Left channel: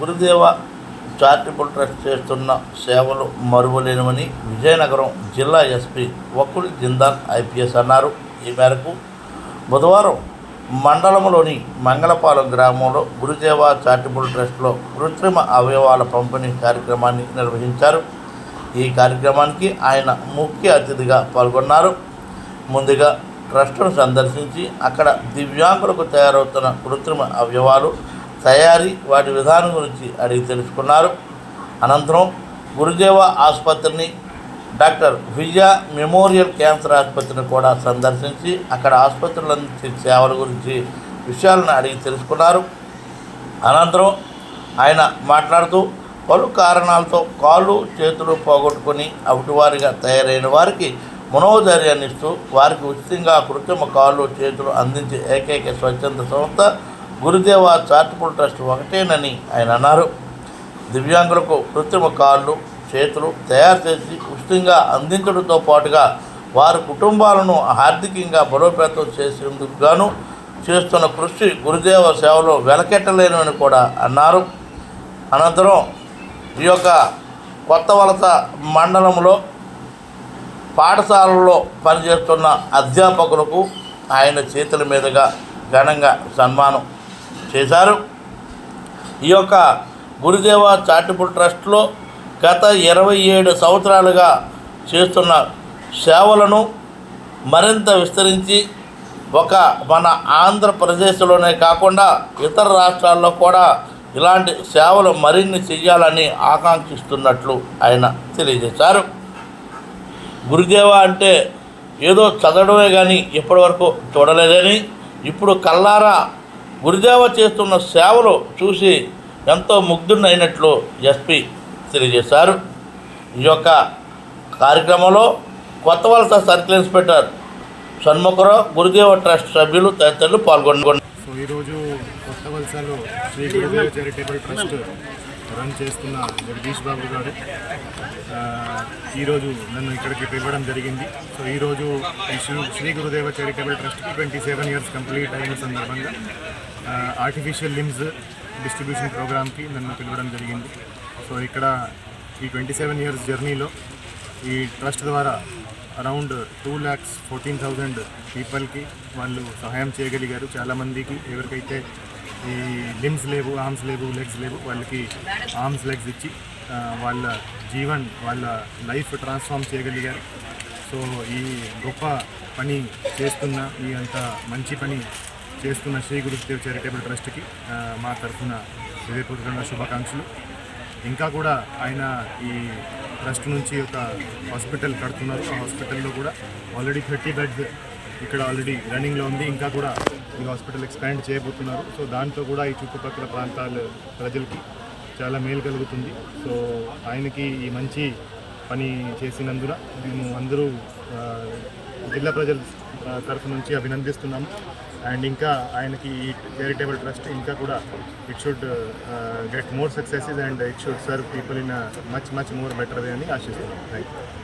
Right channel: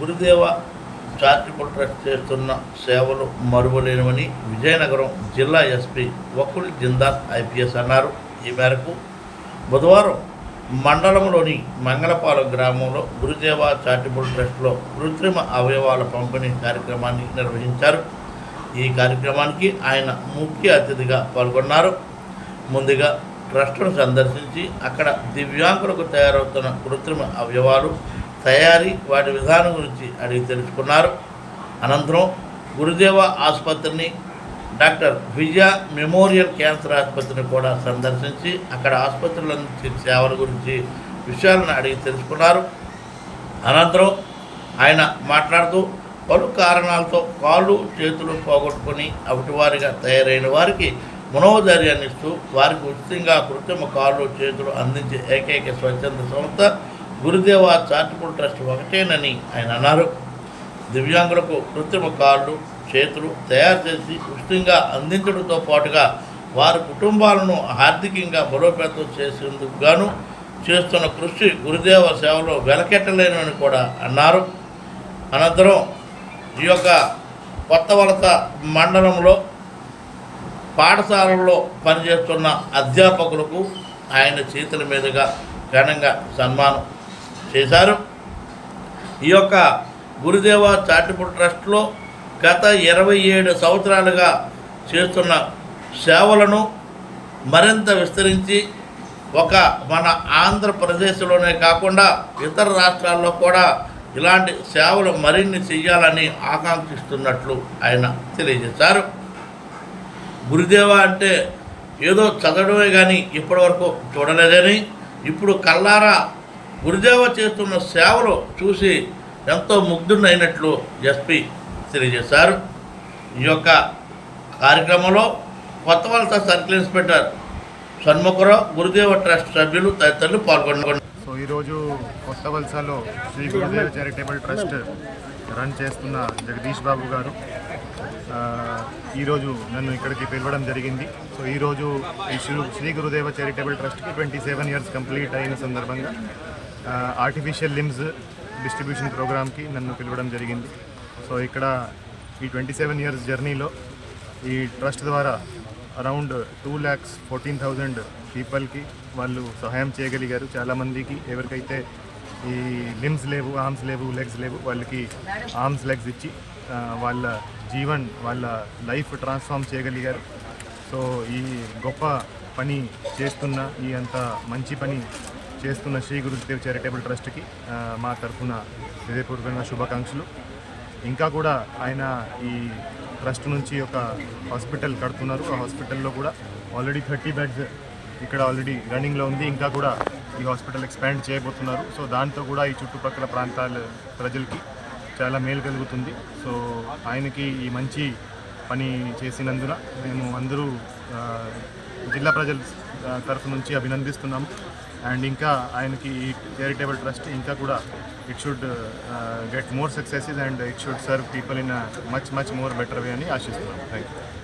గురుదేవ charitable trust చేస్తున్న సేవలు మరువలేనివని విజయనగరం జిల్లా ఎస్పీ వకుల్ జిందాల్ ఐపీఎస్ అన్నారు. ఈ మేరకు బుధవారం మండలంలోని మంగళపాలెం గ్రామంలో గురుదేవ చారిటబుల్ ట్రస్ట్లో కృత్రిమ అవయవాల పంపిణీ కార్యక్రమాన్ని నిర్వహించారు. ఈ కార్యక్రమానికి ఆయన ముఖ్య అతిథిగా పాల్గొన్నారు. ముందుగా ట్రస్టును సందర్శించి అక్కడ దివ్యాంగులకు తయారవుతున్న కృత్రిమ అవయవాలు తయారీ వాటి విధానం గురించి అడిగి తెలుసుకున్నారు. అనంతరం గురుదేవ ఆసుపత్రిని, డాక్టర్ విజయ మెమోరియల్ క్యాన్సర్ ఆసుపత్రిని కూడా సందర్శించి అక్కడ ఆసుపత్రులు అందించే సేవల గురించి విషయాలను అడిగి తెలుసుకున్నారు. అనంతరం ఆయన మాట్లాడుతూ పలు కారణాలతో కాళ్ళు చేతులు పోగొట్టుకొని అవిటివారిగా తయారైన వారికి మనోధైర్యాన్ని ఇస్తూ వారికి ఉచితంగా కృత్రిమ కాళ్ళు చేతులు అందించే ఏకైక స్వచ్ఛంద సంస్థ గురుదేవ చారిటబుల్ ట్రస్ట్ ఒకటేనని ఆయన అన్నారు. దివ్యాంగులకు కృత్రిమ కాళ్ళు చేతులు తయారు చేసి ఉచితంగా అందించడంతో పాటుగా వారి కుటుంబాలను ఆర్థికంగా బలోపేతం చేసేందుకు గాను చేస్తున్న కృషి గురుదేవ సేవలో వెలకెట్టలేనని కూడా అన్నారు. అనంతరం ఈ యొక్క కొత్త వలస మండలంలో పాఠశాలలో పనిచేస్తున్న అధ్యాపకులకు ఆయన చేతుల మీదుగా ఘనంగా సన్మానం చేశారు. ఈ యొక్క గురుదేవ చారిటబుల్ ట్రస్ట్లో గత 27 సంవత్సరాలుగా చేస్తున్న సేవలను మరింత విస్తరించి మన ఆంధ్రప్రదేశ్లోనే కాకుండా ఇతర రాష్ట్రాల్లో కూడా ఇలాంటి సేవలు మరిన్ని చేయాలని ఆకాంక్షిస్తున్నట్లు ఆయన తెలియజేశారు. గురుదేవ అంటే ఏదో చదవడమే కానీ ఇప్పటివరకు చూడలేదని, ఇప్పుడు కల్లారా గురుదేవ చేస్తున్న సేవలు చూసి ఎంతో ముగ్ధుడైనట్లు ఎస్పీ తెలియజేశారు. ఈ యొక్క కార్యక్రమంలో కొత్త వలస సర్కిల్ ఇన్స్పెక్టర్ షణ్ముఖరావు, గురుదేవ ట్రస్ట్ సభ్యులు తదితరులు పాల్గొన్నారు. సో ఈరోజు కొత్త వలసలో శ్రీ గురుదేవ చారిటబుల్ ట్రస్ట్ రన్ చేస్తున్న జగదీష్ బాబు గారు ఈరోజు నన్ను ఇక్కడికి పిలవడం జరిగింది. సో ఈరోజు ఈ శ్రీ గురుదేవ చారిటబుల్ ట్రస్ట్కి 27 ఇయర్స్ కంప్లీట్ అయిన సందర్భంగా ఆర్టిఫిషియల్ లిమ్స్ డిస్ట్రిబ్యూషన్ ప్రోగ్రామ్కి నన్ను పిలవడం జరిగింది. సో ఇక్కడ ఈ 27 ఇయర్స్ జర్నీలో ఈ ట్రస్ట్ ద్వారా అరౌండ్ 2,14,000 పీపుల్కి వాళ్ళు సహాయం చేయగలిగారు. చాలామందికి ఎవరికైతే ఈ లిమ్స్ లేవు, ఆర్మ్స్ లేవు, లెగ్స్ లేవు, వాళ్ళకి ఆర్మ్స్ లెగ్స్ ఇచ్చి వాళ్ళ వాళ్ళ లైఫ్ ట్రాన్స్ఫార్మ్ చేయగలిగారు. సో ఈ గొప్ప పని చేస్తున్న, ఈ అంత మంచి పని చేస్తున్న శ్రీ గురుదేవ్ చారిటబుల్ ట్రస్ట్కి మా తరఫున హృదయపూర్వకంగా శుభాకాంక్షలు. ఇంకా కూడా ఆయన ఈ ట్రస్ట్ నుంచి ఒక హాస్పిటల్ కడుతున్నారు. ఆ హాస్పిటల్లో కూడా ఆల్రెడీ 30 బెడ్స్ ఇక్కడ ఆల్రెడీ రన్నింగ్లో ఉంది. ఇంకా కూడా ఈ హాస్పిటల్ ఎక్స్పాండ్ చేయబోతున్నారు. సో దాంతో కూడా ఈ చుట్టుపక్కల ప్రాంతాల ప్రజలకి చాలా మేలు కలుగుతుంది. సో ఆయనకి ఈ మంచి పని చేసినందున మేము అందరూ జిల్లా ప్రజల తరఫు నుంచి అభినందిస్తున్నాము. అండ్ ఇంకా ఆయనకి ఈ చారిటబుల్ ట్రస్ట్ ఇంకా కూడా it should get more successes and it should serve people in much more better way అని ఆశిస్తున్నాం. Thank you.